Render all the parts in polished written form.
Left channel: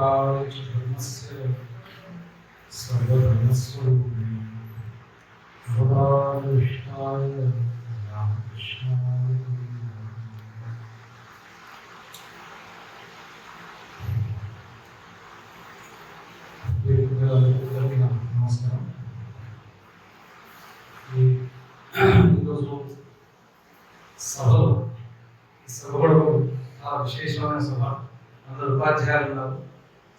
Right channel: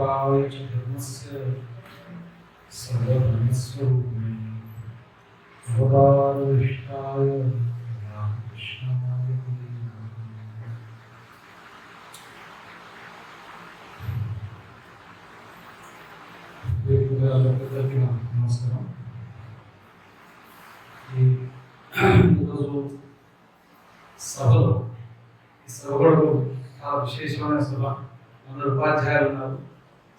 सर्वलोकत्रयाय च धर्मस्य सर्वधर्मस्वरूपिणे भगवताविष्टाय रामकृष्णाय నమస్కారం. ఈరోజు సభలో ఈ సభ కూడా చాలా విశేషమైన సభ. అందరు ఉపాధ్యాయులు ఉన్నారు.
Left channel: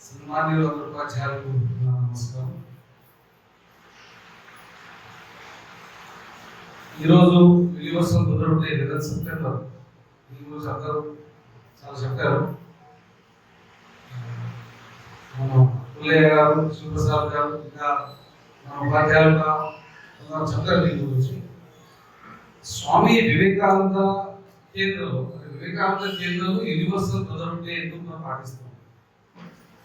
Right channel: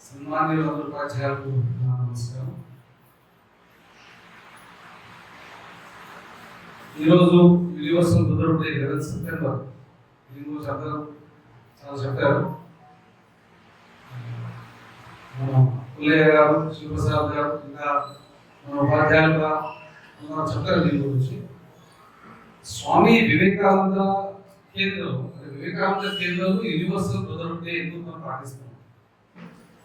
సన్మాన్యులు అందరు ఉపాధ్యాయులకు నమస్కారం. ఈరోజు యూనివర్సల్ మదర్ డే 11 సెప్టెంబర్. దీని గురించి అందరూ చాలా చెప్పారు. మన పుల్లయ్య గారు, శివప్రసాద్ గారు, ఇంకా మన ఉపాధ్యాయులుగా చెప్తారు దీని గురించి. స్వామి వివేకానంద కేంద్రంలో యూనివర్సల్ మదర్ డే ఎందుకు మనం పాటిస్తున్నాం?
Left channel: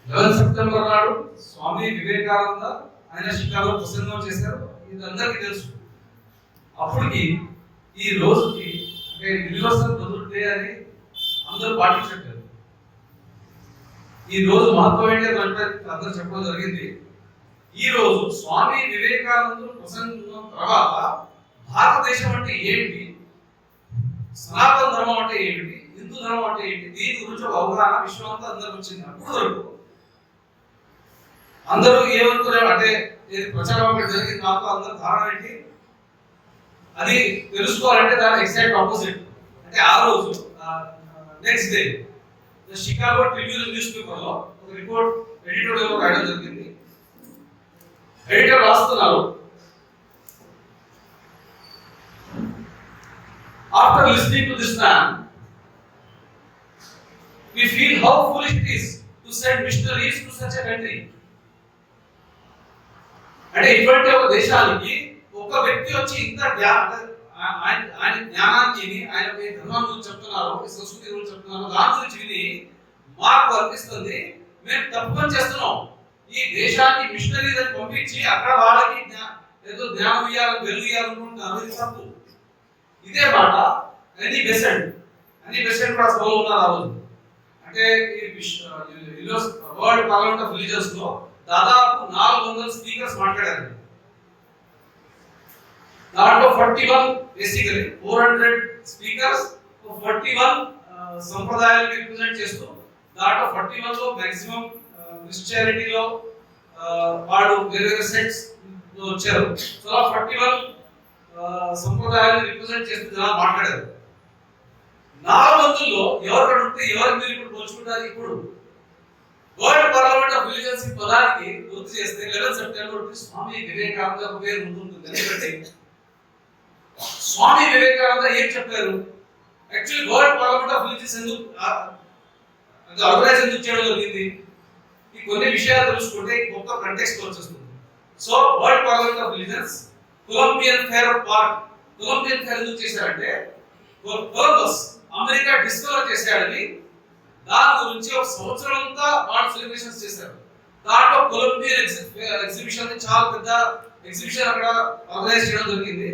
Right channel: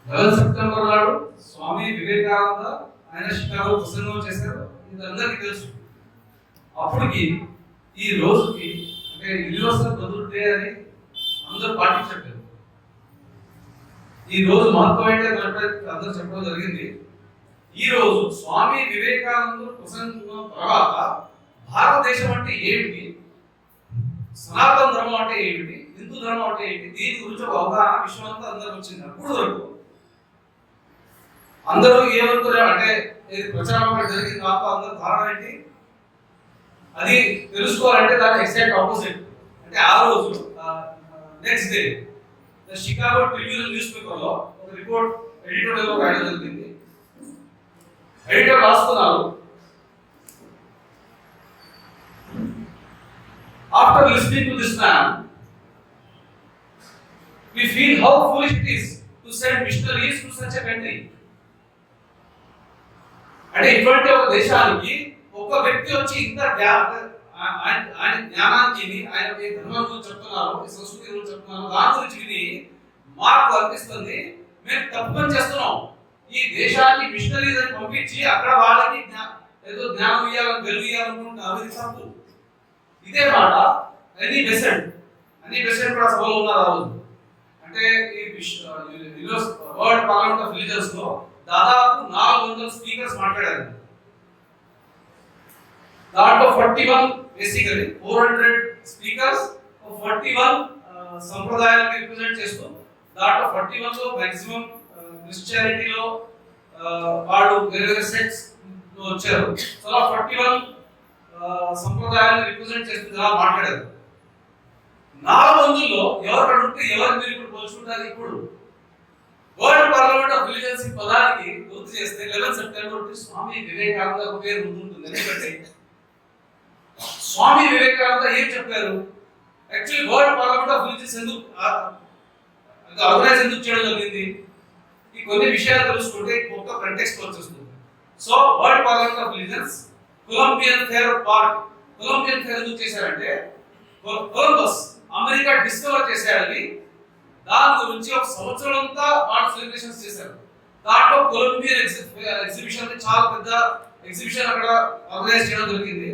11 సెప్టెంబర్ నాడు స్వామి వివేకానంద ఆయన షికాగో ప్రసంగం చేశారు. ఇది అందరికీ తెలుసు. అప్పటికి ఈ రోజుకి అంటే యూనివర్సల్ మదర్ డే అని అందరూ పాటించట్లేదు. ఈ రోజు మహత్వం ఏంటంటే అందరూ చెప్పడం జరిగింది. ఈ రోజు స్వామి వివేకానందుడు ప్రసంగం తర్వాత భారతదేశం అంటే ఏమిటి, సనాతన ధర్మం అంటే ఏమిటి, హిందూ ధర్మం అంటే ఏమిటి, దీని గురించి ఒక అవగాహన విశ్వం అంతా అందరికి వచ్చింది. అప్పుడు వరకు అందరూ ఏమనుకున్నారు అంటే ఇది ప్రచారం జరిగింది దాంతో అందరూ కారణం ఏంటి అది తెలుసుకోవాలంటే దాని ఎగ్జాక్ట్ ఆపోజిట్. అంటే ఆ రోజు next day Chicago Tribune news paper లో ఒక రిపోర్ట్ ఎడిటర్ రాయడం జరిగింది. ఎడిటర్ రాస్తున్నారు, after listening to this man we feel how foolish it is to send missionaries to such a country. అంటే ఇటువంటి ఒక దేశానికి ఒక వ్యక్తి వచ్చి ఇంత ఆయన జ్ఞానానికి ఆయన ధర్మం గురించి చెప్తున్నారు, సంస్కృతి గురించి చెప్తున్నారు, దాని గురించి విని మాకు అనిపిస్తుంది మేము తప్పు పని చేస్తున్నాం. ఈ దేశానికి మిషనరీస్ అని పంపించి అక్కడ వాళ్ళకి ఏదో జ్ఞానం ఇవ్వాలని వెలుగు ఇవ్వాలనుకుంటున్నారు. ఇది తప్పు. ఇదే మాట అన్ని బెసెంట్ కూడా సభలో ఉన్నారు ఆ రోజు. అంటే ఈ వరల్డ్ పార్లమెంట్ ఆఫ్ రిలీజియన్స్ లో దాదాపు 400 స్పీకర్స్ మాట్లాడారు. దాంట్లో 41 బేసికలీ 400 స్పీకర్స్ 41 సంప్రదాయాలను రిప్రజెంట్ చేస్తూ, దాంట్లో 41 లో మాక్సిమం క్రిస్టియానిటీలో వాళ్ళు వేరే సెక్ట్స్ వచ్చారు. సో 41 సంప్రదాయాలను రిప్రజెంట్ చేస్తూ జనాలు మాట్లాడారు. 400లో ఎవరు అడిగితే ఎవరు మీరు ఇప్పుడు పోల్చుకుంటారు? ఇప్పుడు వరల్డ్ పార్లమెంట్ ఆఫ్ రిలీజియన్స్ ఈ పదానికి గుర్తు చేస్తే 11 సెప్టెంబర్ స్వామి వివేకానంద పేరు ఉంటుంది. ఎందుకంటే స్వామి వివేకానంద ఏం చెప్పారు? Actually world parliament of religions organise ఎందుకు చేయడం జరిగింది? ఈ కొన్ని విషయాలు తెలుసుకుంటే కొత్త కంటెక్స్ట్ వచ్చేస్తుంది. So world parliament of religions Colombian fair ఎందుకు చేశారంటే కొలంబస్ అమెరికా డిస్కవర్ చేశాడని దాని గురించి ఒక సంవత్సరం అంతా వాళ్ళు సెలబ్రేషన్స్ చేశారు. దాంట్లో కొలంబియన్ ఎగ్జిబిషన్ చాలా పెద్ద ఎగ్జిబిషన్ అక్కడ ఆర్గనైజ్ చేయడం జరిగింది.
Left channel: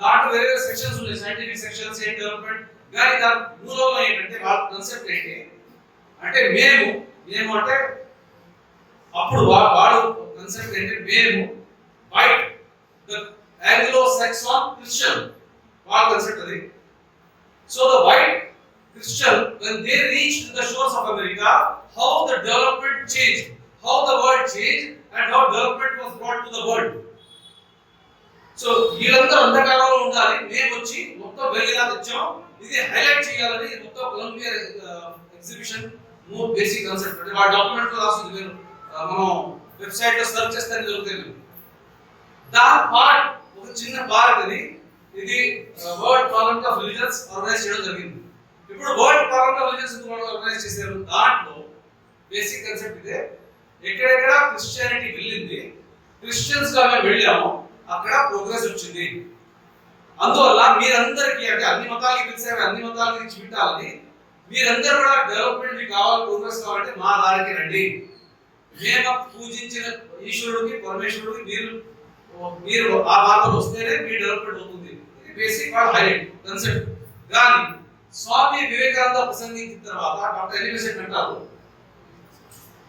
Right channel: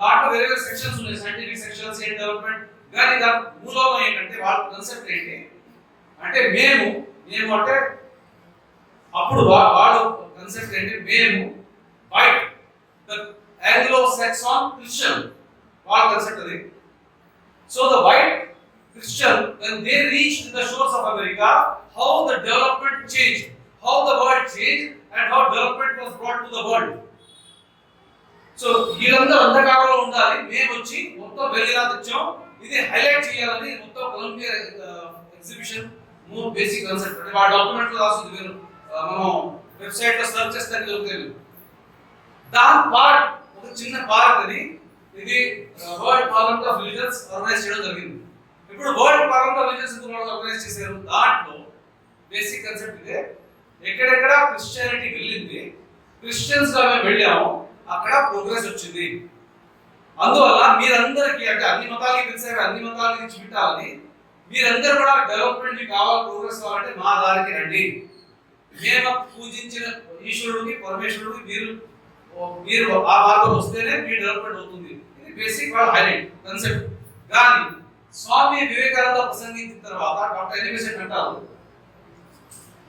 దాంట్లో వేరే సెక్షన్స్ ఉన్నాయి, సైంటిఫిక్ సెక్షన్స్, స్టేట్ డెవలప్మెంట్. కానీ దాని మూలంలో ఏంటంటే వాళ్ళ కాన్సెప్ట్ ఏంటి అంటే మేము అంటే అప్పుడు వాడు కాన్సెప్ట్ ఏంటి, మేము white the Anglo Saxon Christian వాళ్ళ కాన్సెప్ట్ అది. So the white Christian, when they reached the shores of America, how the development changed, how the world changed, and how development was brought to the world. So, వీళ్ళందరూ అంధకారంలో ఉండాలి, మేము వచ్చి మొత్తం వెలిగిలా తెచ్చాం, ఇది హైలైట్ చేయాలని మొత్తం కొలంబియా ఎగ్జిబిషన్ బేసిక్ కాన్సెప్ట్. అంటే ఆ డాక్యుమెంట్ లో రాస్తుంది, మీరు మనం వెబ్సైట్ లో సెర్చ్ చేస్తే దొరుకుతుంది. దాని పార్ట్ ఒక చిన్న పార్ట్ అది ఇది world parliament of religions organise చేయడం జరిగింది. ఇప్పుడు వరల్డ్ పార్లమెంట్ ఆఫ్ రిలీజియన్స్ ఎందుకు ఆర్గనైజ్ చేశారు? దాంట్లో బేసిక్ కాన్సెప్ట్ ఇదే. ఎక్కడెక్కడ క్రిస్టియానిటీ వెళ్ళింది, క్రిస్టియన్స్ గా మేము వెళ్ళాము, అక్కడ ప్రోగ్రెస్ వచ్చింది. అందువల్ల మీరందరికీ అంటే అన్ని మతాలకి తెలిసేవి, అన్ని మతాల నుంచి వింటాలని, మీరందరూ కూడా డెవలప్మెంట్ కావాలి, ప్రోగ్రెస్ కావాలంటే మా దారికి రండి. మేము పూజించిన ఈశ్వరుడికి, పరమేశ్వరుడికి మీరు ఆ మార్గంలో వస్తేనే మీ డెవలప్మెంట్ అవుతుంది. ఇది బేసిక్ వాళ్ళ హైలైట్ కాన్సెప్ట్. కానీ స్వామి వివేకానంద ప్రసంగించిన తర్వాత డాక్టర్ ఎలివేషన్ అంటారు,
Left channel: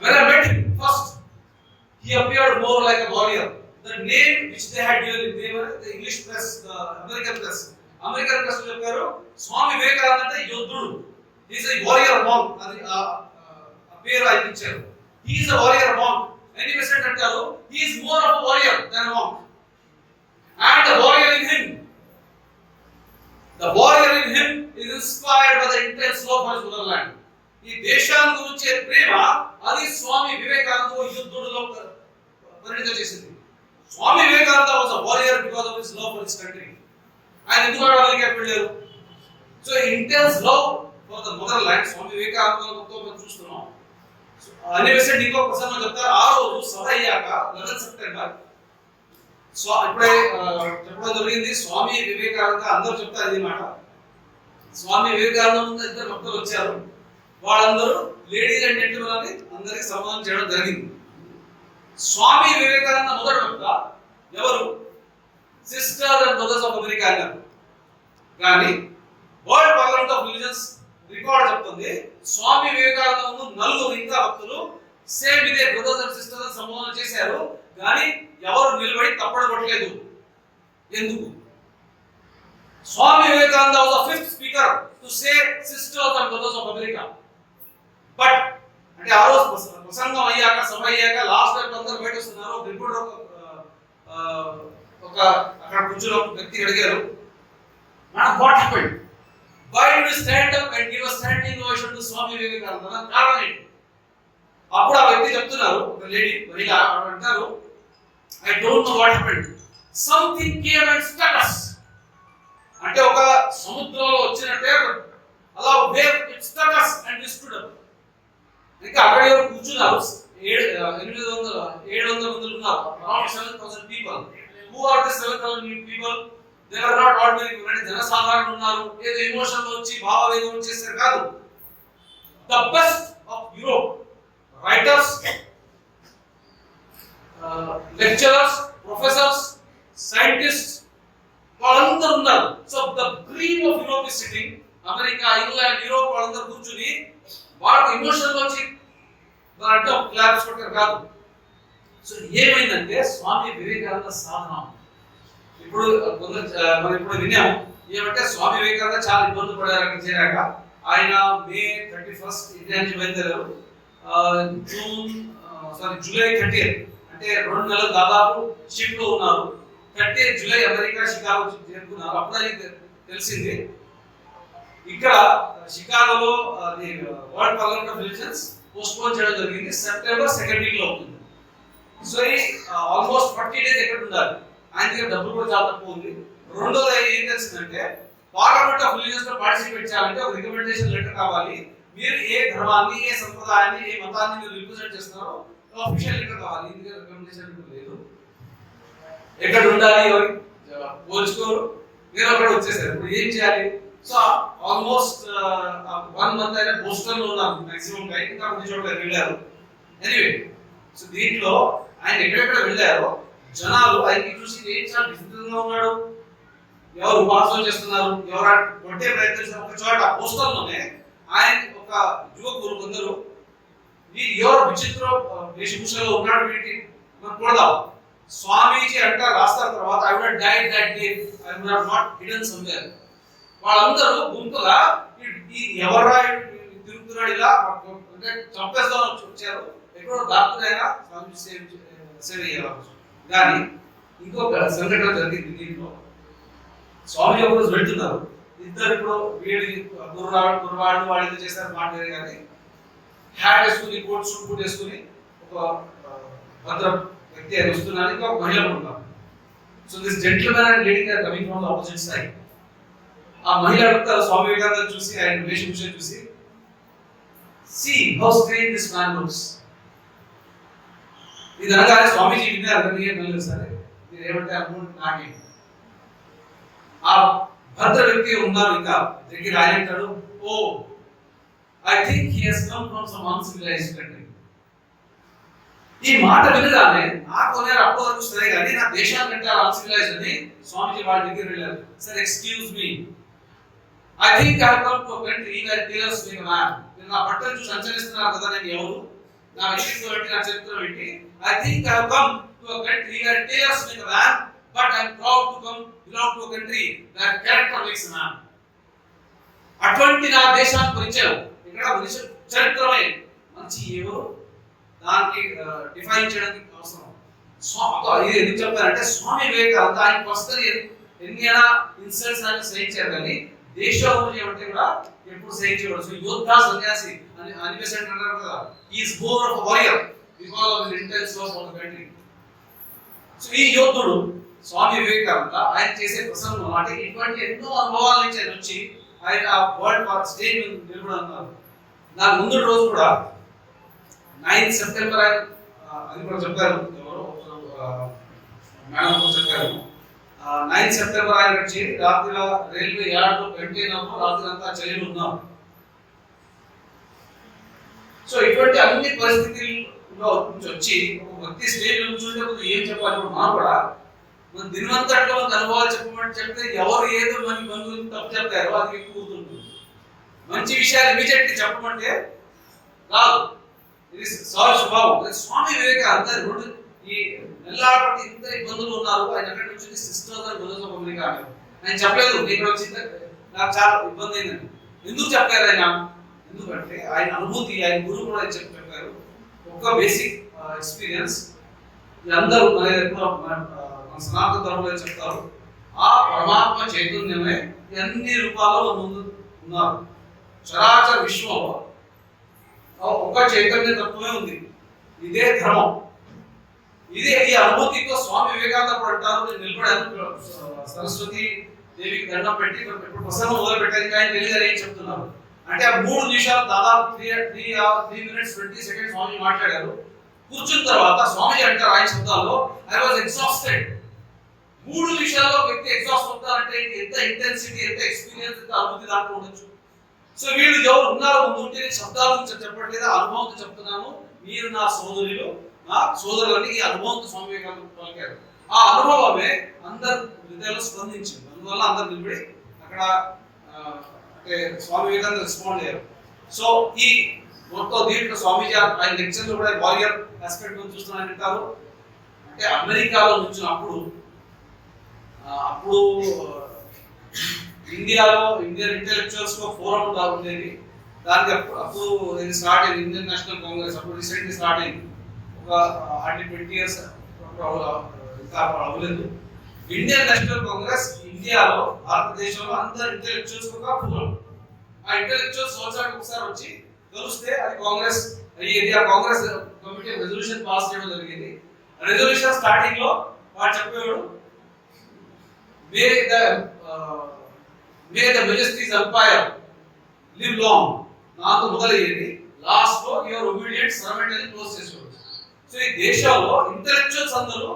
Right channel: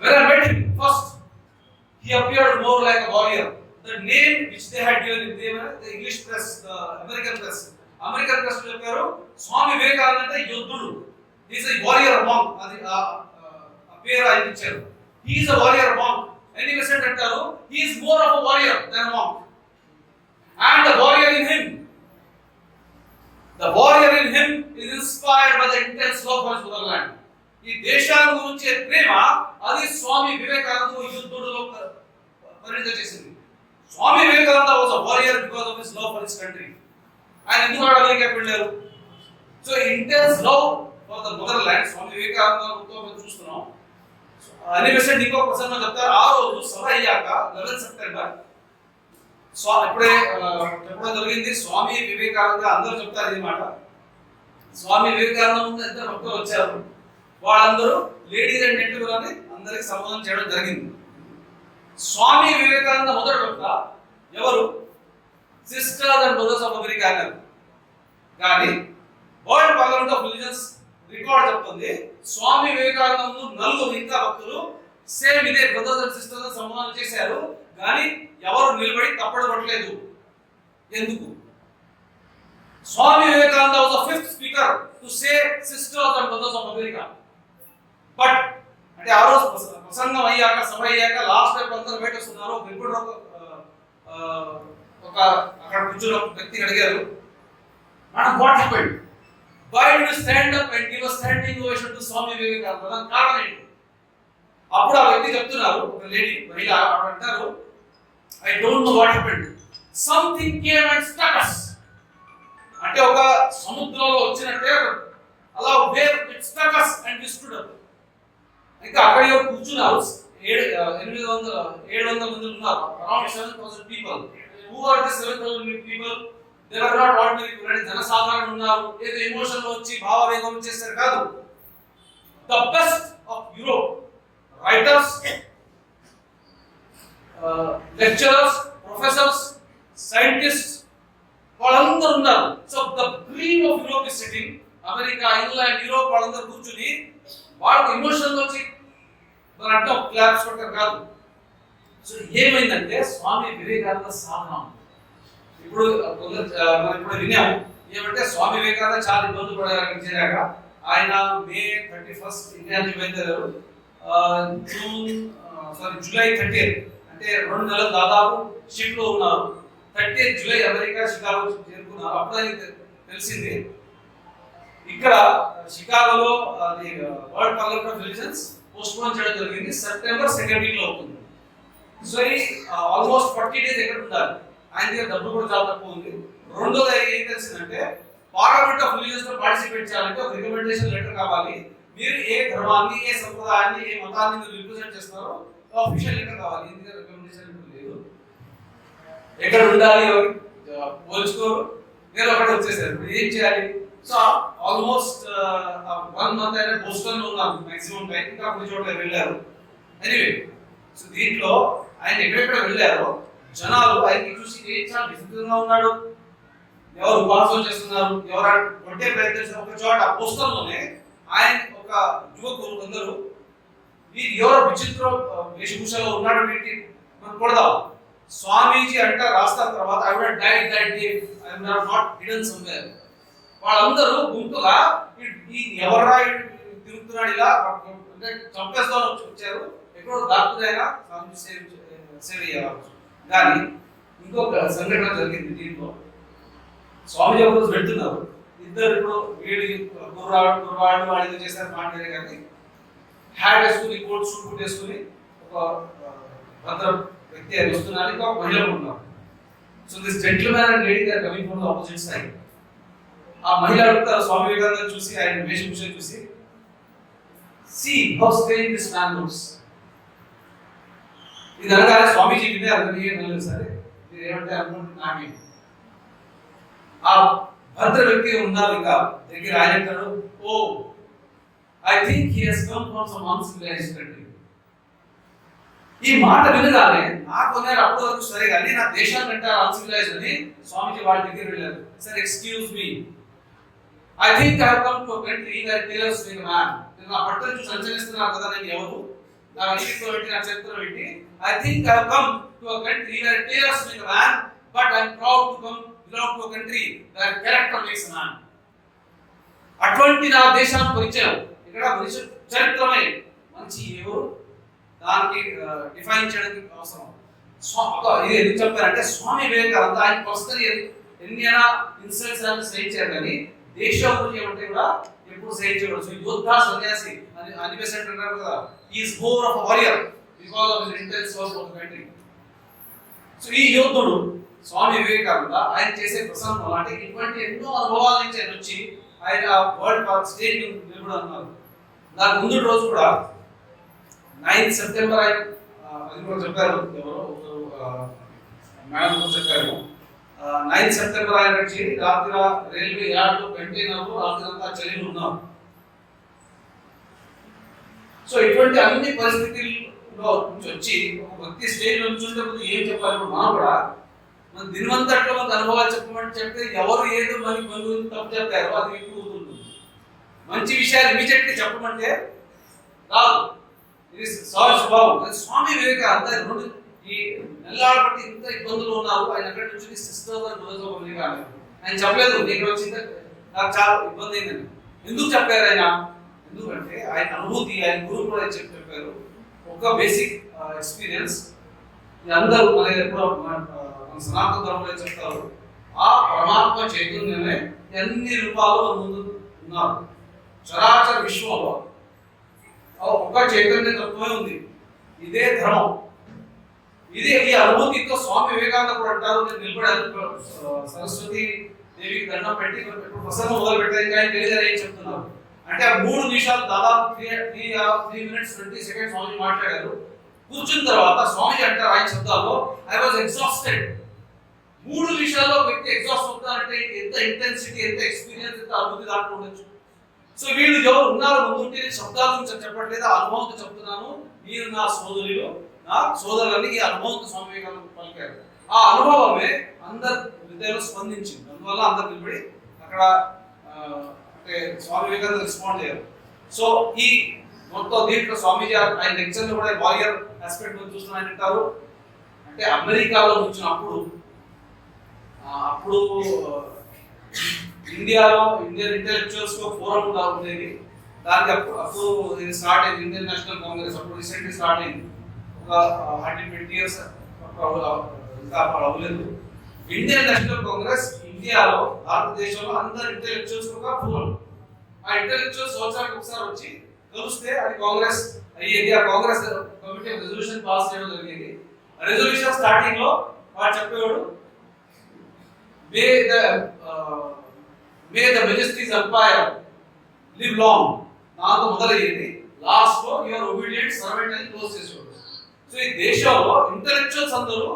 when I met more like a warrior. The name which they had given, the English press, the American press చెప్పారు స్వామి వివేకానంద అంటే యోధుడు, he is a warrior monk, అది ఆ పేరు ఆయన ఇచ్చారు. He is a warrior monk. Any president అంటారు he is more of a warrior than a monk. And the warrior in him is inspired by the intense love for his motherland. ఈ దేశాల గురించే ప్రేమ అది స్వామి వివేకానంద యుద్ధుడులో పరిణితం చేసింది. Swami Vivekananda was a warrior because of his love for his country. ఆయన ఎందుకు అమెరికాకి వెళ్ళారు? So intense love for the motherland Swami వివేకానందతో మేము చూస్తున్నాం. అనివర్సరీ ఇంకో ప్రసంగం చెప్తారు. ఆ రోజు సభ అయ్యాక 11 సెప్టెంబర్ ఇప్పుడే చెప్పడం జరిగింది. స్వామి వివేకానంద అందరూ చెప్తారు ఇది మాట. స్వామి వివేకానంద ఇద్దరు భక్తులు వచ్చారు. వాళ్ళందరూ లేడీస్ అండ్ జెంటిల్మెన్ అని అందరికి సంబోధన చేయడం జరిగింది. స్వామి వివేకానంద మొదటి భక్త ఎవరు? Sisters and brothers of America అన్నారు. కానీ world parliament of religions record చెప్తుంది స్వామి వివేకానంద ముందు 4 ఇంకా భక్తులు సేమ్ ఇదే బ్రదర్స్ అండ్ సిస్టర్స్ అని సంబోధన చేశారు. కానీ ఎవరు నిలబడి తప్పడు కొట్టలేదు. ఎందుకు? Swami Vivekananda was the 5th speaker to say sisters and brothers of America. But అంటే ఆ రోజు ప్రసంగం అయ్యాక సభ అయ్యాక లాస్ట్ టైం అందరూ బయటస్తున్నారు. ఒక రిపోర్టర్ ఒక అక్కడ కూర్చున్న ఒక వ్యక్తి అడిగారు, madam what happened? Why do you stand up and give a standing ovation to Swami Vivekananda? దానికి కారణం ఏంటి? అప్పుడు ఆ వ్యక్తి చెప్తున్నారు, ఒక లేడీ మహిళ అంటారు, I don't know what happened, something came and stuck us. అంటే ఒక సముద్రంలో వచ్చినట్టే అలా wave it stuck us and we stood up. ఇంకా అక్కడ కూర్చున్నారు 700 మంది ఉన్నారు. Around 7,000 people. Who are the 7,000 people? They are not ordinary people. జనసాధారణ ఉన్నారు. ఏదో ఎమోషన్ లో వచ్చి భావవేగం చేశారు కాదు. The best of Europe writers, lecturers, professors, scientist వాళ్ళందరూ ఉన్నారు. So the dream of Europe is sitting. America, England, Europe వాళ్ళందరూ కూర్చుని వాళ్ళకు ఎమోషన్ వచ్చి మన అంటే ఒక క్లాప్స్ కొట్టారు కాదు. సో ఏమైందంటే స్వామి వివేకానంద సాధన ఇప్పుడు మనం ఇప్పుడు విన్నాము ఏమంటే స్వామి వివేకానంద చాలా ఇబ్బందులు పడారు అక్కడ చేరాక. ఆయన మే 31 ఇండియాకి బయలుదేరారు. జూలై 30 అంటే 2 నెలలు దాదాపు షిప్ లో ఉన్నారు. 30 జూలై అమెరికా షికాగో చేరుకున్నారు. అప్పుడు ఆయనకి తెలిసింది ఇక్కడ షికాగోలో world parliament of religions postpone చేయడం జరిగింది. సెప్టెంబర్ 2nd వీక్ లో అవుతుంది. సో ఈ ఆల్మోస్ట్ 40 days ఎక్కడ ఉండాలి. ఆయన దగ్గర డబ్బులు కూడా చాలా తక్కువ ఉంది. రెండోది ఏం తెలిసిందంటే పార్లమెంట్ ఆఫ్ రిలీజియన్స్ లో పార్టిసిపేట్ చేయాలంటే ఒక రికమెండేషన్ లెటర్ కావాలి. మీరు ఏ ధర్మాన్ని, ఏ సంప్రదాయాన్ని, ఏ మతాన్ని మీరు రిప్రజెంట్ చేస్తున్నారో ఆఫీషియల్ లెటర్ కావాలి. ఇందులో రికమెండేషన్ లెటర్ లేదు. ఎక్కడ ఉండాలి ఎవరి పోల్చుకోరు. మీరు అక్కడ వచ్చేసారు. ఇప్పుడు ఏం చేయాలి? సో ఆల్మోస్ట్ 1 month అయినా బోస్టన్ లో ఉన్నాం మాక్సిమం టైం. ఇంకా కొన్ని చోట్ల వెళ్ళారు. ఎనీవే సో దీంట్లో ఆయన ఎక్కడెక్కడ వెళ్ళారో జనాలు ఆయనకి చూసి ఏం చాలా విచిత్రంగా ఉన్నాడు, ఎవరు ఉపాసన చేస్తున్నారు, ఎవరు కొట్టే ప్రయత్నించారు. ఒక చోట బోస్టన్లోనే ఆయన ఒక యువకులు కొందరు ఎవరు విచిత్ర వేషభూషలో ఉన్నాడు, వీటి మనం కొడదాం. స్వామీజీ అంటారు రాస్తారు తర్వాత I would died that day, I would have not hidden somewhere. వాళ్ళందరూ గుంపుగా ఈ ఎవర్రా తిరుగుతున్నాడు ఇలా అంటే చంపేస్తా వచ్చారు. ఎక్కడో దాక్కునైనా స్వామి సేవ చేయవచ్చు. కానీ ఇంకొక సంఘటన జరిగింది దీంట్లో. స్వామి ఒక రోజు వెళ్తున్నారు. ఇద్దరు ఇప్పుడు వీడి కుర్రాడు వాడు ఏదో చేశారు మాట్లాడే కానీ హ్యాట్ వేసుకుని కోట్ సూట్ కోట్ వేసుకుని ఒక భద్ర వ్యక్తి ఆయన వస్తున్నారు. ఇంకా ఒక మహిళ ఉన్నారు. So this gentlemen and lady are coming from the opposite side. ఆ మహిళ అడుగుతారు స్వామి వివేకానంద చూసి, ఆయన వేషభూషణ చూసి, see how strange this man looks. ఇది అనగానే స్వామీజీ విన్నారు. ఏం వెళ్ళలేదు సరే మీరు ఏమంటే అనుకుంటే నాకేం. ఆ భద్ర వ్యక్తి ఉన్నారు ఇంకా దగ్గర. ఆయన అంటాడు, oh I think he has come from some uncivilized country. ఈ మాట వినగానే నాకు అన్నారు అప్పటి వరకు సరే కానీ నా దేశాన్ని అంటారు అన్సివిలైజ్డ్ అని. స్వామీజీ వాళ్ళ దగ్గర వెళ్ళారు. Sir excuse me, I think I have come to a country where tailors make a man. నేను నా బట్టలు చూసి సంచరిస్తున్నాను కదా, నేను ఎవరు, నా వ్యక్తిత్వం ఏంటి, నా చరిత్ర ఏంటి. I think I come to a country where tears make a man, but I am proud to belong to a country where character makes a man. అటువంటి నా దేశానికి పరిచయం. ఇక్కడ మనిషి చరిత్రమే మంచి ఏవో దానికి డిఫైన్ చేయడానికి అవసరం. ఇది ఎందుకు చెప్పారంటే స్వామి వివేకానంద ఆయన పర్సనల్ ఎన్నైనా ఇన్సల్ట్స్ అని సహించారు, కానీ దేశం ఏమంటే కూడా ఎప్పుడు సహించకూడదు. యోద్ధ సన్యాసి అని అనిపిస్తుంది అన్నారు కదా. Is more of warrior because of his intense love for the country. So ఈ యోధుడు స్వామి వివేకానంద ఆయన చేసే ప్రసంగం అంటే ఇటువంటి ఎన్నో అనుభవాల నుంచి ఆయన వచ్చి ఆయన వరల్డ్ పార్క్ స్టేజ్ నిలబడన్నారు. దాని ముందు రోజు కూడా 9 సెప్టెంబర్ ఆయన అది కూడా చెప్పారు, మేడం చెప్పారు. 9 సెప్టెంబర్ ఆయన వచ్చి రాత్రి రైల్వే యార్డ్లో కంటైనర్లో రాత్రి అంతా చలిలో ఉన్నారు. సో ఇటువంటి అన్ని పరిస్థితుల్లో నుంచి వచ్చి ఒక వ్యక్తి స్టేజ్ నుంచి ఏం చెప్పాలి మనం కూడా మన దినవంతట్లో మనకు అనుభవాలు చెప్పమంటే చెప్తే ఎవరు ఏదో మనకి బంధువులు తప్పు చెప్తారో అది ఎక్కువ గుర్తుంటుంది. మంచి విషయాలు ఇమీడియట్గా చెప్పమంటే రాదు, ఇది సహజ స్వభావం. స్వామి వివేకానంద రెండు ఈ నెల్లాడ బట్టి ఇంత ఇబ్బందులు ఉన్నారు, ఆయన అక్కడి నుంచి సిస్టర్స్ అని బదులుతో ఆయన చెప్పలేదు నేను ఇక్కడ వచ్చి నాకు చాలా ఇబ్బంది అయిందని. ఎందుకు చెప్పారు ఆయన? ఎందుకంటే ఆయన అనుభూతి, ఆయన గురువు కూడా చెప్పారు. ఒక బేసిక్ ఎక్స్పీరియన్స్ అందరూ మన సనాతన ధర్మంలో చెప్తారు, ఆ పరమాత్మ చైతన్యమే అన్ని రూపాల్లో మన ముందు ఉన్నారు. చరాచర విశ్వంలో ఒక చైతన్య తత్వమే ఉంది, ఇదే ధర్మం. ఇదే ఈ అనుభూతితో స్వామి వివేకానంద కూడా అంటారు, నేను నిలబడాను సరస్వతి దేవికి దండం పెట్టి ఇప్పుడు ప్రసంగం మొదలు పెట్టాను ఆయన తెలియదు ఏం చెప్తున్నారు అంటే ఆ 3 నిమిషాలు దాదాపు 3 minutes 20 seconds స్వామి మాట్లాడారు. కూర్చున్న తర్వాత స్వామి అంటారు ఆయన శబ్దాల్లో, ఐ వాజ్ ఎగ్జాస్టెడ్. 3 నిమిషాల్లో వ్యక్తి ఎగ్జాస్ట్ అవుతారంటే ఎంత ఇంటెన్సిటీ, ఎంత ఎక్స్పీరియన్స్, ఎంత అనుభూతి దాకా ఉండొచ్చు. సో వీళ్ళు ఎవరు ఉన్నారు ముందుంటే నేను శబ్దాల గురించి చెప్పట్లేదు, అనుభవంతో చెప్తున్నాను. మీరు నా సోదరులు, నా సోదరులని ఈ అనుభవంతో స్వామి వివేకానంద పలికారు. ఆ అనుభవమే అందరు హృదయంలో స్పందించింది. అందువల్ల అందరు నిలబడి అక్కడ అంటే స్వామి వివేకానంద రెస్పాండ్ అయ్యారు. సో ఈ మొత్తం దీంట్లో స్వామీజీ ఆయన లెక్చర్లు కూడా వారియర్ ఆస్పెక్ట్ నుంచి చూస్తున్నా ఆయన అంటారు అంటే అమెరికాలో వచ్చినప్పుడు అప్పుడు ఇండియాలో ఇండియన్ ఇంటెలెక్చువల్స్ ఫోరం ఉండేది. దానికి అప్పుడు ఇది స్టార్ట్ అయింది, ఇండియన్ నేషనల్ కాంగ్రెస్ అప్పుడు రీసెంట్లీ స్టార్ట్ అయింది. ఒక 120 years ఇంకా అవ్వలేదు. ఇండియన్ నేషనల్ కాంగ్రెస్ ఇండియాలో భారతదేశంలో అందరు ఇంటెలెక్చువల్స్ ఒక ఫోరం. ఆ ఇంటెలెక్చువల్స్ సంవత్సరానికి ఒకసారి వచ్చి కలిస్తే అది కాంగ్రెస్ అయ్యేది. ఆ కాంగ్రెస్ కమిటీ రెజల్యూషన్ పాస్ చేయడం జరిగింది. రెజల్యూషన్ స్టార్టింగ్ లో వాడు చెప్పేవాడు, may the majesty's empire live long, నాతో మొదలయ్యేది. లాస్ట్ లో యువర్ ఒబీడియంట్ సర్వెంట్ అని క్లోజ్ చేసేవాడు. సో ఈ దేశంలో ఇంటెలెక్చువల్స్ అందరూ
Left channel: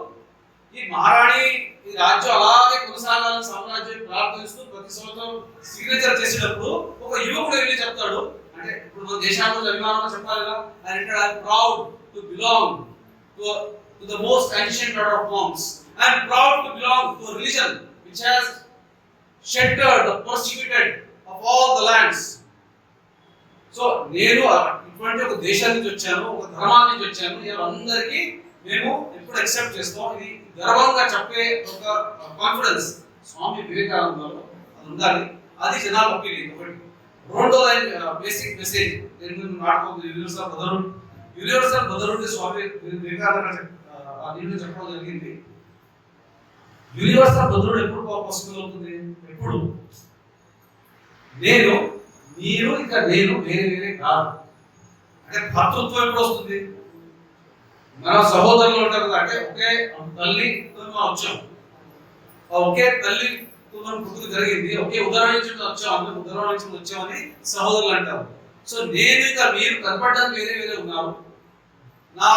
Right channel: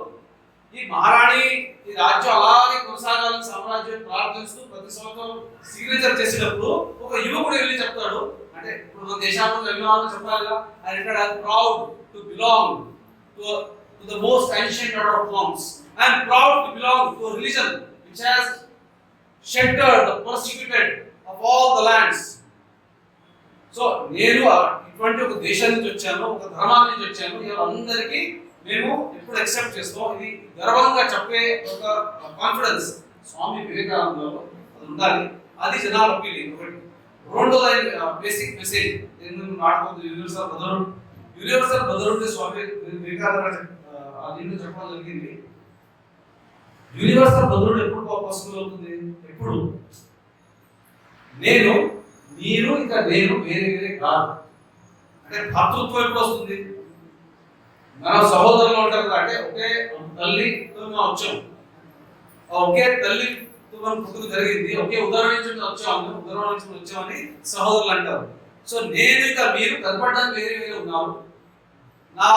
ఈ మహారాణి ఈ రాజ్యం అలాగే కొనసాగాలని సామ్రాజ్యం ప్రార్థిస్తూ ప్రతి సంవత్సరం సిగ్నేచర్ చేసేటప్పుడు ఒక యువకుడు వెళ్ళి చెప్తాడు, అంటే ఇప్పుడు మన దేశాన్ని అభిమానం చెప్పాలిగా, I'm proud to belong to the most ancient order of monks. I'm proud to belong to a religion which has sheltered the persecuted of all the lands. So నేను ఇటువంటి ఒక దేశం నుంచి వచ్చాను, ఒక ధర్మాల నుంచి వచ్చాను, అందరికీ మేము ఎప్పుడు యాక్సెప్ట్ చేస్తాం. ఇది గర్వంగా చెప్పే ఒక కాన్ఫిడెన్స్ స్వామి వివేకానందలో అది ఉండాలి. అది జనాలు అప్పీల్. ఒకటి. రెండో లైన్ బేసిక్ మెసేజ్ దీని గురించి మాట్లాడుతుంది యూనివర్సల్ బ్రదర్హుడ్ స్వామి వివేకానంద దీంట్లో చెప్పడం జరిగింది. యూనివర్సల్ బ్రదర్హుడ్ ఎప్పుడు పాసిబుల్ అవుతుంది? ఎప్పుడు నేను మీరు ఇంకా నేను వేరే వేరే కాదు అంటే భర్తృత్వం ఎప్పుడు వస్తుంది? మనం సహోదరులు ఉంటారు కదా, అంటే ఒకే తల్లి మనం వచ్చాం, ఒకే తల్లి మనం పుట్టుక జరిగింది, ఒకే ఉదాహరణ నుంచి వచ్చాము, ఉదాహరణ నుంచి వచ్చామని సహోదరులు అంటారు. సో నేను ఇంకా మీరు కనపడడానికి వేరే వేరే ఉన్నారు. నా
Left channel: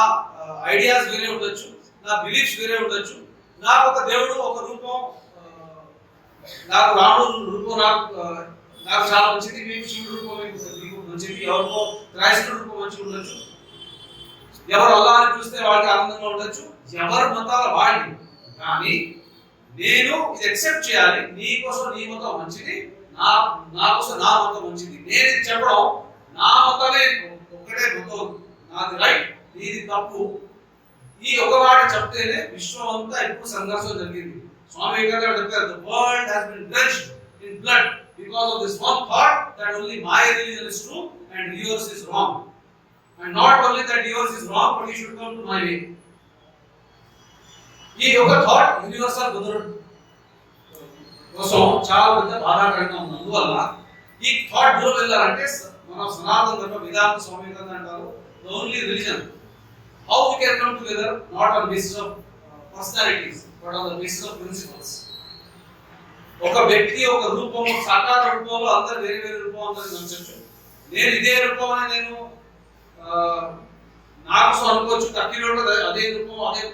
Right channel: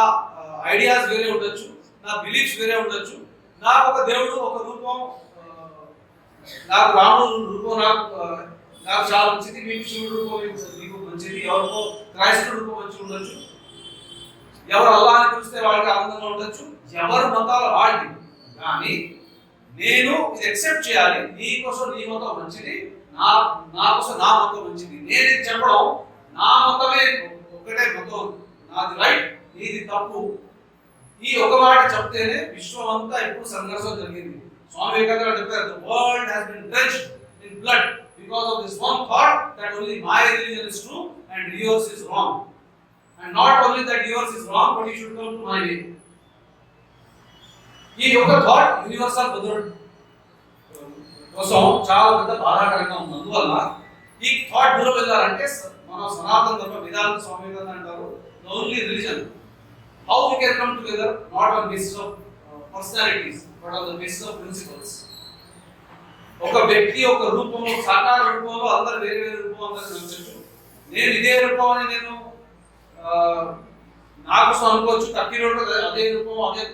ఐడియాస్ వేరే ఉండొచ్చు, నా బిలీఫ్స్ వేరే ఉండొచ్చు. నాకు ఒక దేవుడు ఒక రూపం, నాకు రాముడు రూపం నాకు చాలా మంచిది, మీకు శివుడు రూపం మీకు మంచిది, ఎవరికో క్రైస్తవుడు రూపం మంచిగా ఉండొచ్చు, ఎవరు అల్లా అని పిలిస్తే వాళ్ళకి ఆనందంగా ఉండొచ్చు, ఎవరు మతాల వాళ్ళకి. కానీ నేను ఇది యాక్సెప్ట్ చేయాలి, నీ కోసం నీ మతం మంచిది, నా కోసం నా మతం మంచిది. నేను చెప్పడం నా మతమే ఒకటే మతం, నాది రైట్, నీది తప్పు. ఈ ఒక మాట చెప్తేనే విశ్వం అంతా ఇప్పుడు సంఘర్షణ జరిగింది. స్వామి వివేకానంద చెప్పారు, the world has been drenched in blood because of this one thought that only my religion is true and yours is wrong. And not only that yours is wrong, but you should come to my way. ఈ యొక్క thought universal brotherhood కోసం చాలా పెద్ద బాధాకరంగా ఉంది. అందువల్ల ఈ thought దూరం వెళ్ళాలంటే మన సనాతన ధర్మ వేదాంత స్వామి వివేకానంద అంటారు, the only religion how we can come together not on basis of personalities but on the basis of principles. ఒక వ్యక్తి ఒక రూపం, సాకార రూపంలో అందరు వేరే వేరే రూపం అందరూ కనిపించవచ్చు. నేను ఇదే రూపం అని నేను నాకు అనుకోవచ్చు, తక్కిరోడ్లో అదే రూపం అదే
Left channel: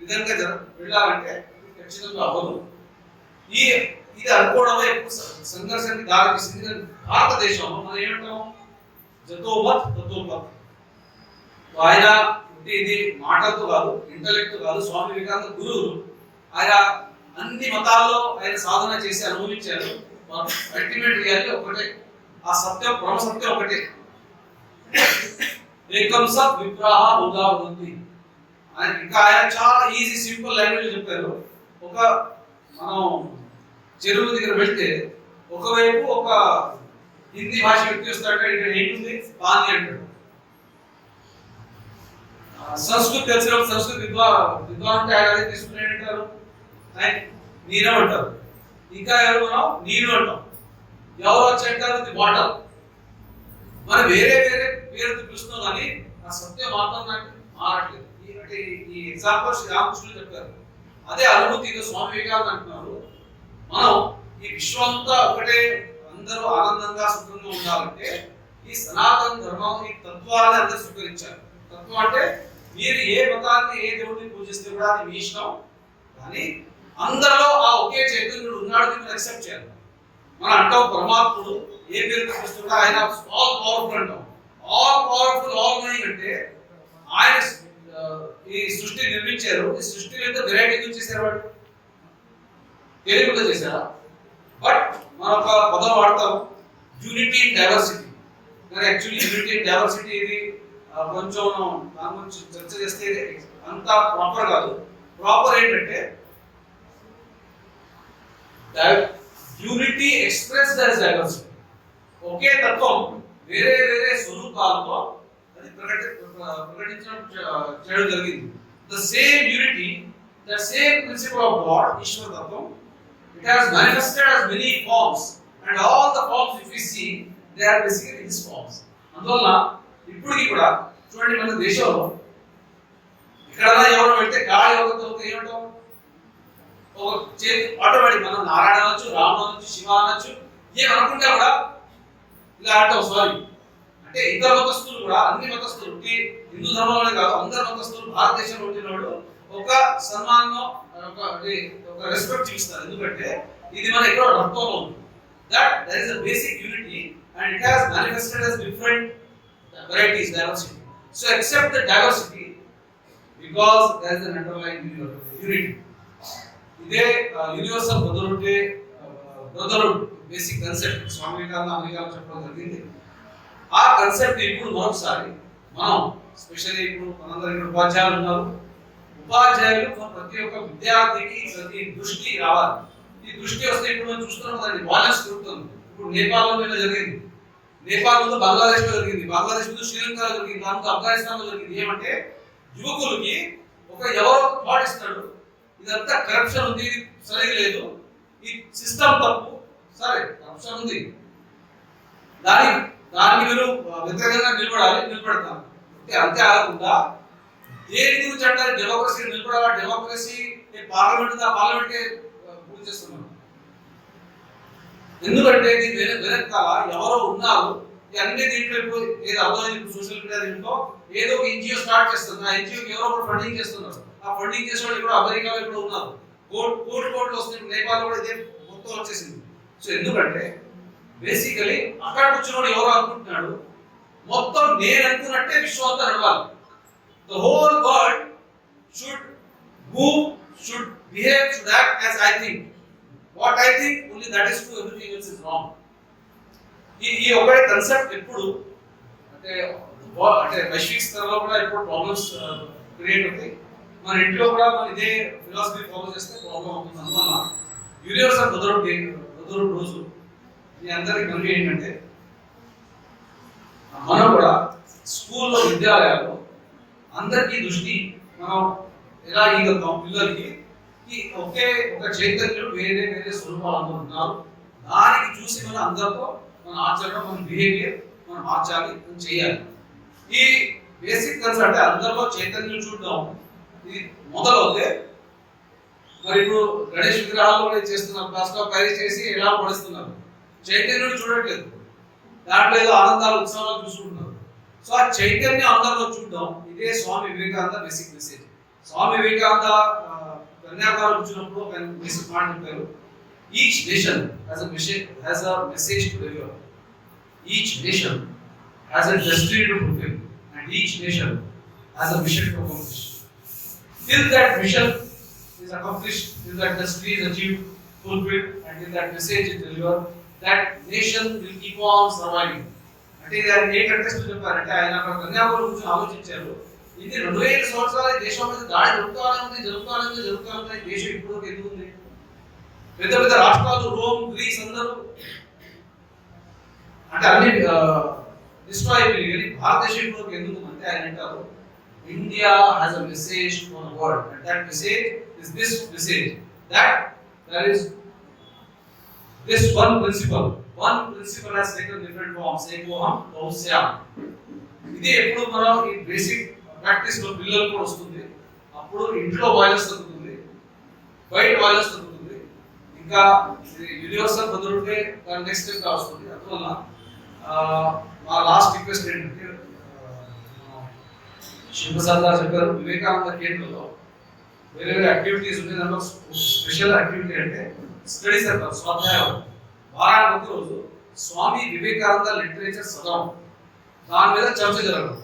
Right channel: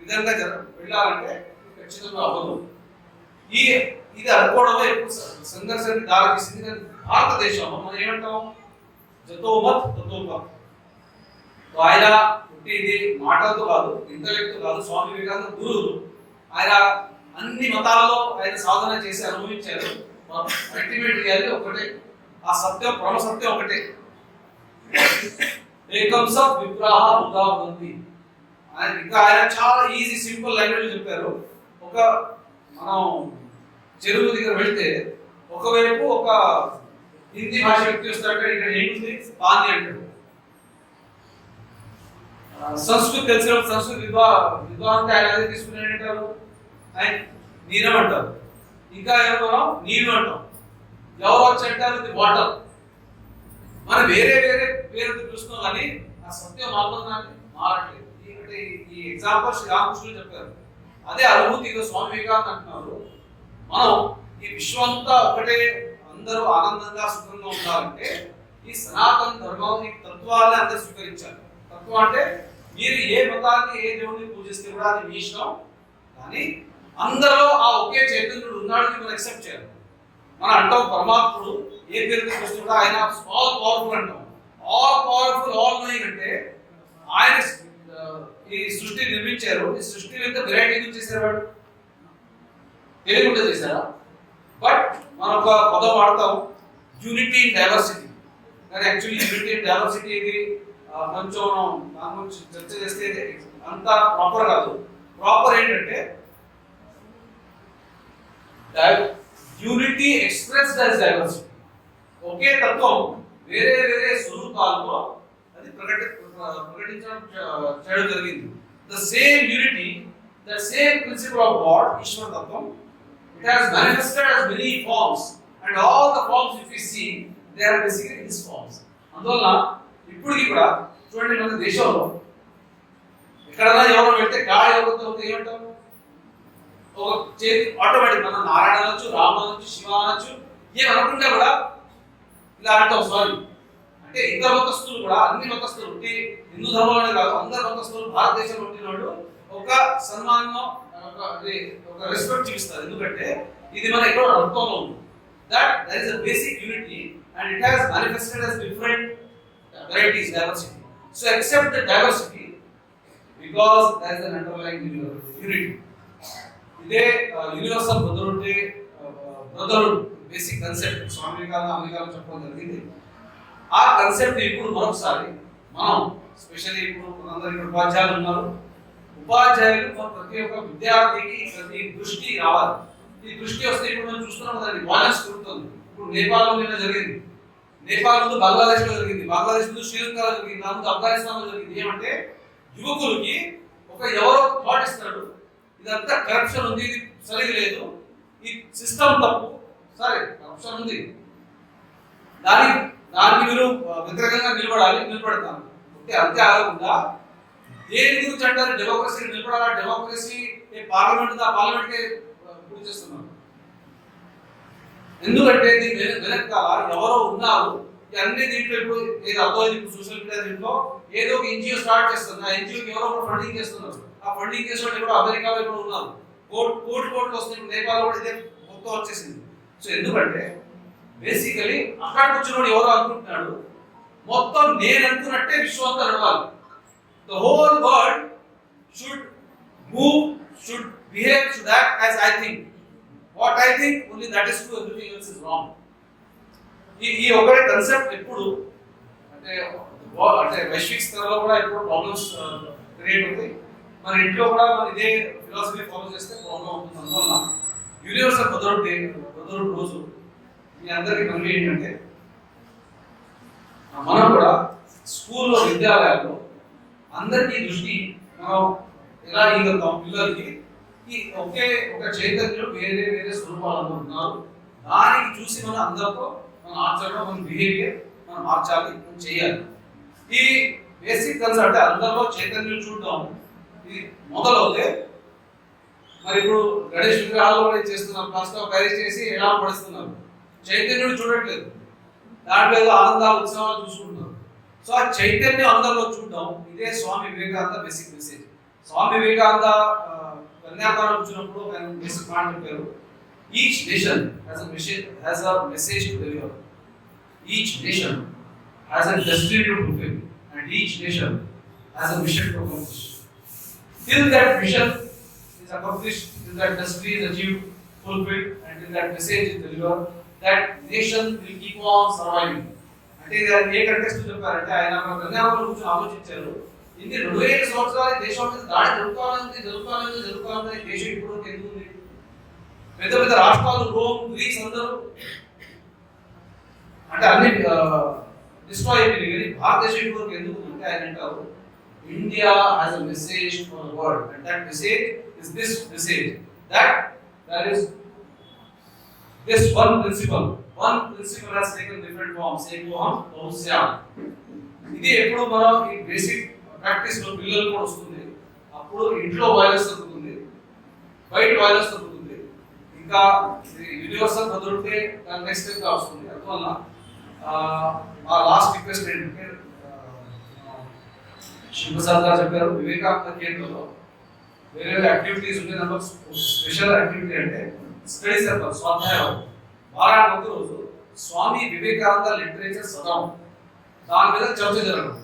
విధంగా వెళ్ళాలంటే ఖచ్చితంగా అవ్వదు. ఇది అనుకోవడమే ఎక్కువ సంఘర్షానికి దారి తీసింది. కానీ భారతదేశంలో మనం ఏమంటాం, జతోమత్ తతోమత్. ఆయన ఇది మాటలతో కాదు, ఇంటలెక్ట్ కాదు. స్వామి వివేకానంద గురువులు, ఆయన అన్ని మతాల్లో ఆయన సాధన చేసి అనుభవించారు. అల్టిమేట్ రియాలిటీ ఒకటే, ఆ సత్యం పరమ సత్యం ఒకటే. ఏకం సత్ విగ్రహ బుధా ఉంది. ఇంకా ఆయన చాలా ఈజీ సింపుల్ లాంగ్వేజ్ చెప్పారు. ఒక మనం చెరువు దగ్గర వెళ్తే ఒకవైపు ఒక హిందీ భాష వ్యక్తి వస్తాడంటే ఇక్కడ ఏంటుంది పాని అంటాడు. సంస్కృతి తెలిసిన సంస్కృతి విద్వాన్ అంటే ఆయన అదే తీసుకుని ఏంటంటారు, ఆయన నీరం అంటారు. ఇంకా ఎవరు మనం నీరు అంటాం. ఎవరు వచ్చి అంటారు ఇది వాటర్. మనం వేరే వేరే పేరుతో పిలుస్తున్నాం కానీ ఆ సత్యం మాత్రం నాకు మారట్లేదు. అంటే ఈ ఎగ్జాంపుల్ శ్రీ రామకృష్ణుడు చెప్పారు, అదే అనుభూతి స్వామి వివేకానంద అంటున్నారు. మనం ఈ విశ్వం అంతా ఒకటే, అందరూ ఆనందంగా సుఖంగా ఉండాలంటే ఈ సనాతన ధర్మం ఈ తత్వాన్ని అందరూ స్వీకరించాలి. తత్వం అంటే మీరు ఏ మతాన్ని ఏ దేవుడిని పూజిస్తే కూడా అది మీ ఇష్టం, కానీ అందరిలో ఆ ఒకే చైతన్యుడు ఉన్నాడు మనం యాక్సెప్ట్ చేయాలి. మనం అంటాం పరమాత్ముడు ఏ పేరు కృష్ణుడు కూడా ఆయన ఆల్ పవర్ఫుల్ అంటాం. ఆల్ పవర్ఫుల్ ఆల్ నోయింగ్ అంటే ఆయన ఈ సృష్టి నిర్మించారు. ఈ సృష్టిలో ఎంత వెరైటీ ఎందుకు చేశారు, వాడు తెలియకుండా చేశారా? బట్ మనం ఒక పదం వాడతాం యూనిటీ ఇన్ డైవర్సిటీ. కానీ యాక్చువల్లీ యూనిటీ ఇన్ డైవర్సిటీ ఇది కొంచెం దాని గురించి చర్చ చేస్తే అంత ప్రాపర్ కాదు. ప్రాపర్ ఏంటంటే యూనిటీ ఎక్స్ప్రెస్డ్ యాజ్ డైవర్సిటీ. ఒకే తత్వం వేరే వేరే స్వరూపాలతో అది ప్రకటించడం చేయడం జరిగింది. The same unity, the same principle of God, ఈశ్వర తత్వం, it has manifested as many forms and all the forms if you see they are basically his forms. అందువల్ల ఇప్పటికి కూడా చూడండి, మన దేశంలో ఎక్కడైనా ఎవరో వెళ్తే గాలి యోగంతో ఏమంటాం, ఒక చేతి ఆటోమేటిక్ మనం నారాయణ అనొచ్చు, రామ అనొచ్చు, శివ అనొచ్చు, ఏమనుకుంటే కూడా ఇలా అంటాం స్వామి. అంటే ఇతర మతస్థులు కూడా, అన్ని మతస్థులు ఉంటే హిందూ ధర్మంలోనే కాదు అందరు మతస్థులు భారతదేశంలో ఉంటున్నాడు ఒక సన్మానం, ఒక రెస్పెక్ట్ చూపిస్తారు. ఎందుకంటే ఇది మన ఎక్కడో రక్తంలో ఉంది. That there is a basic unity and it has manifested as different varieties, diversity. So accept the diversity because there is an underlying unity. ఇదే universal brotherhood basic concept Swami Vivekananda అమెరికాలో చెప్పడం జరిగింది. ఆ కాన్సెప్ట్ ఇప్పుడు మరొకసారి మనం స్పెషల్లీ ఇప్పుడు మనందరూ ఇక్కడ ఉపాధ్యాయులు ఉన్నారు. ఉపాధ్యాయులు ప్రతి ఒక్క విద్యార్థికి ప్రతి దృష్టి రావాలి. ఈ దృష్టి వస్తే ఇప్పుడు మనం చూస్తున్నాం దాన్ని వాలెన్స్ పెరుగుతుంది. ఇప్పుడు నేపాల్లో నిన్న జరిగింది, నేపాల్ ముందు బంగ్లాదేశ్ లో జరిగింది, బంగ్లాదేశ్ ముందు శ్రీలంకలో జరిగింది, దాని ముందు ఆఫ్ఘనిస్తాన్ లో జరిగింది. ఏమంటే యువకులకి ఒక ఎవరో థాట్ ఇస్తున్నాడు, ఇదంతా కరప్షన్ ఉంది, సరిగా లేదు, ఈ సిస్టమ్ తప్పు, సరే కరప్షన్ ఉంది, దానికి మీరు వ్యతిరేకంగా నిలబడతాను. అంతే ఆగకుండా దేని గురించి అంటారు, డెమోక్రసీ నిలబడాలా, డెమోక్రసీ పార్లమెంట్ పార్లమెంట్కే పూర్తి చేస్తున్నాం. ఎందుకంటే దీని వెనకాల ఎవరో ఉన్నారు. అన్ని దీంట్లో ఇప్పుడు ఏదో అర్థమైంది, ఇప్పుడు సోషల్ మీడియా దీంట్లో ఏదో ఒక ఎన్జిఓ స్టార్ట్ చేస్తుంది, ఆ ఎన్జిఓకి ఎవరో ఒకటి ఫండింగ్ చేస్తున్నారు. ఆ ఫండింగ్ చేసే వాళ్ళు కూడా అమెరికాలో ఇప్పుడు ఉన్నారు, కోట్లు వస్తుంది. నేపాల్లో కూడా ఇదే మొత్తం వచ్చేసింది. సో ఎందుకంటే బేసికలీ అక్కడ కూర్చున్నాడు ఎవరో అనుకుంటున్నాడు, మొత్తం నేను అనుకున్నట్టే విశ్వం అంతా నడవాలి. The whole world should move, should behave, should act as I think. What I think, only that is true, everything else is wrong. ఈ ఒకే కాన్సెప్ట్ ఎప్పుడు అంటే అంటే వైశ్విక స్థాయిలో కూడా ఇప్పుడు ప్రాబ్లమ్స్ క్రియేట్ అవుతాయి. మన ఇంట్లో కూడా మనం ఇదే ఫిలాసఫీ ఫాలో చేస్తే ప్రాబ్లం అవుతుంది. అందువల్ల యూనివర్సల్ బ్రదర్హుడ్ రోజు మీ అందరికీ మనవి ఏంటంటే మనం కూడా స్కూల్లో విద్యాలయాల్లో అందరికీ దృష్టి మనం ఎలా ఇవ్వగలుగుతాం పిల్లలకి ఒకే ఒక చైతన్యం వేరే వేరే స్వరూపాలు ఉన్నారు. దానికి చూసి మనం అందరితో మన ఆచరణ మన బిహేవియర్ మనం మార్చాలి మనం చేయాలి. ఈ బేసిక్ కన్సెప్ట్ అంటే అందరిలో చైతన్యం చూడడం ఇది మొదలవుతే మరి ఇప్పుడు గణేష్ విగ్రహాలు కూడా చేస్తున్నారు, ప్లాస్టర్ ప్యారిస్ చేసి ఎలా పడిస్తున్నారు, చైతన్యుడు చూడట్లేదు, దాంట్లో ఏదో ఆనందాలు ఉత్సవాలు చూసుకుంటున్నారు. సో ఆ చైతన్యం అందరిలో చూడడం ఇదే స్వామి వివేకానంద బేసిక్ మెసేజ్. స్వామి వివేకానంద కన్యాకుమారి వచ్చినప్పుడు ఒక బేసిక్ పాయింట్ చెప్పారు, each nation has a message to deliver, each nation has a destiny to fulfil and each nation has a mission to accomplish. Till that mission is accomplished, till that destiny is achieved, fulfilled, and till that message is delivered, that nation will keep on surviving. అంటే ఆయన ఏ context చెప్పారంటే ఆయన అక్కడ కన్యాకుమారి గురించి ఆలోచించారు. ఇది 2000 సంవత్సరాల దేశం మీద దాడి జరుగుతానే ఉంది. దేశం ఇప్పుడు ఎందుకు ఉంది? పెద్ద పెద్ద రాష్ట్రాలు రోమ్, గ్రీస్ అందరూ అంటే అన్ని డిస్ట్రాయ్ అయిపోయింది. కానీ భారతదేశం ఇప్పుడు ఎందుకు అంటే ఆయన అంటారు, India has a message for the world, and that message is this message, that there is this one principle has taken different forms. Ekoham Bausyam. ఇది ఎప్పుడు మనం ఈ బేసిక్ ప్రాక్టీస్ లో పిల్లలు కూడా వస్తుంది. అప్పుడు ఇంట్లో వైలెన్స్ తగ్గుతుంది, బయట వైలెన్స్ తగ్గుతుంది. ఇంకా యూనివర్సల్ బ్రదర్హుడ్ దాని నెక్స్ట్ స్టెప్ గా వస్తుంది. అందువల్ల మా లాస్ట్ రిక్వెస్ట్ ఏంటంటే శివప్రసాద్ గారు చెప్పారు, వివేకానంద కేంద్రంలో వేరే వేరే యాక్టివిటీస్ ఉన్నాయి. దాంట్లో స్పెషల్ యాక్టివిటీ అంటే స్టడీ సర్కిల్, స్వాధ్యాయం. వారానికి ఒక రోజు స్వామి వివేకానంద లిటరేచర్ చదవడం, దాని మీద చర్చ జరగడం.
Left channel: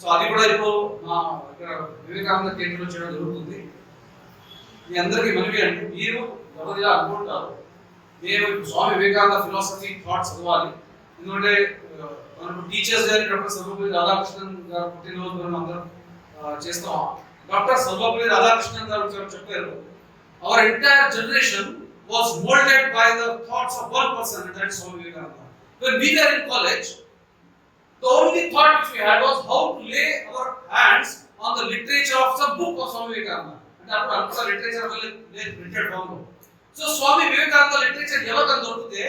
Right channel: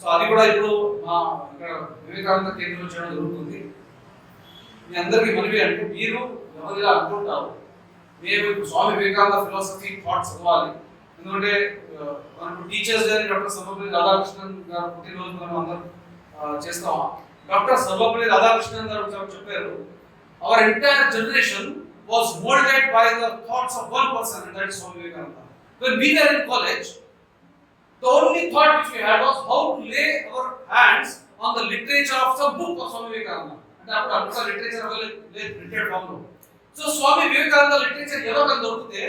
సో అది కూడా ఇప్పుడు మా ఇక్కడ వివేకానంద కేంద్రంలో చేయడం జరుగుతుంది. మీ అందరికీ మనవి అంటే మీరు ఎవరిలా అనుకుంటారు, మేము ఇప్పుడు స్వామి వివేకానంద ఫిలాసఫీ థాట్ చదవాలి. ఎందుకంటే మనకు teachers day doctor Sarvepalli Radhakrishnan గారు పుట్టినరోజు మనం అందరం చేస్తాం. డాక్టర్ సర్వపల్లి రాధాకృష్ణన్ గారు చెప్పారు, our entire generation was moulded by the thoughts of one person, and that is Swami Vivekananda. When we were in college, the only thought which we had was how to lay our hands on the literature of some book of Swami Vivekananda. And అప్పుడు అంతా literature printed form లో. So Swami Vivekananda literature ఎవరికైనా దొరికితే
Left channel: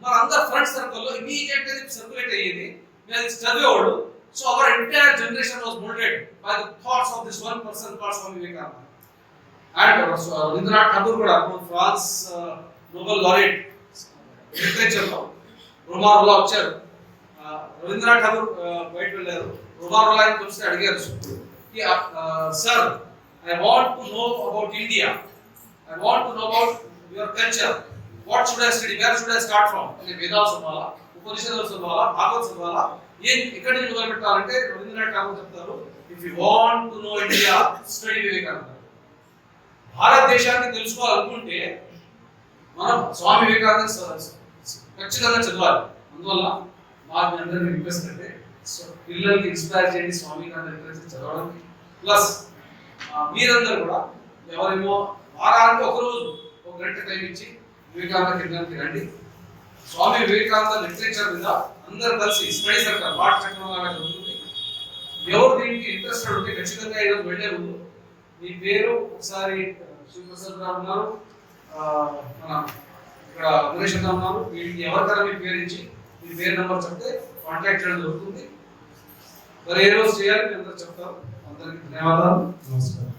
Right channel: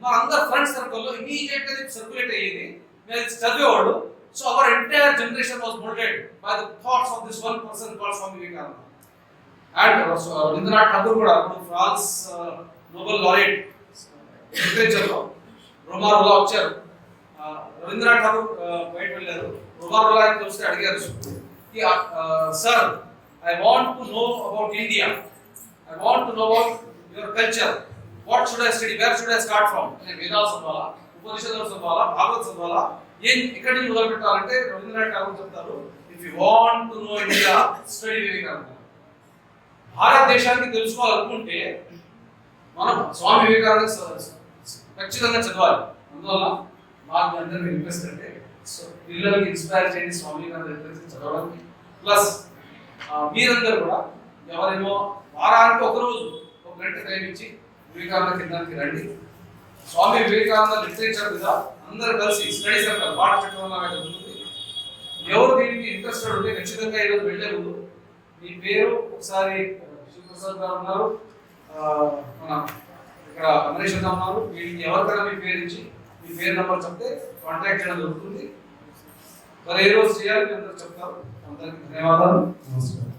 మన అందరు friends సర్కిల్లో immediate గా circulate అయ్యేది, మేము చదివేవాడు. So our entire generation was moulded by the thoughts of this one person called Swami Vivekananda. And Rabindranath Tagore కూడా అప్పుడు ఫ్రాన్స్ నోబెల్ లారెట్ లిటరేచర్ లో రోమారోలా వచ్చారు. రవీంద్రనాథ్ ఠాగూర్ బయట వెళ్ళారు, రోమారోలా అని కలిసి అడిగారు, sir I want to know about India, I want to know about your culture, what should I study, wear should I start from? వేదాలు చదవాలా, ఉపనిషత్తులు చదవాలా, భాగవత్ చదవాలా, ఎక్కడి నుంచి మొదలు పెట్టాలంటే రవీంద్రనాథ్ ఠాగూర్ చెప్తారు, if you want to know India study Vivekananda. భారతదేశానికి తెలుసుకోవాలనుకుంటే మనం స్వామి వివేకానంద ఖచ్చితంగా చదవాలి. అందువల్ల మాకు అందరికీ రిక్వెస్ట్ అంటే పిల్లలకి ఇన్స్పైర్ చేయండి స్వామి వివేకానంద లిటరేచర్ చదవడం. ప్లస్ మీరందరూ కూడా ఎవరేమో వారానికి ఒకరోజు ఒక గంట టైం ఇచ్చి వివేకానంద కేంద్రానికి రండి. స్వామి వివేకానంద లిటరేచర్ మీద అందరూ కలిసి స్టడీ సర్కిల్ వాట్ చక్రం లాగా జరుగుతుంది. ఎవరు దీనికి ఇంట్రెస్టెడ్ ఉంటే ఖచ్చితంగా ఈరోజు వెళ్ళే ముందు మీ పేరు ఒకసారి, శివప్రసాద్ గారు ఉన్నారు, మన ఇక్కడ అమరేష్ గారు ఉన్నారు, వీళ్ళకి ఎవరికైనా మీ పేరు ఇచ్చి మీ పేరు నెంబర్ చెప్తే కాంటాక్ట్ చేయడం జరుగుతుంది. మరి ఏ రోజు చేయాలి మీ అందరూ చెప్తారు. అందరికీ ధన్యవాదాలు, నమస్కారం.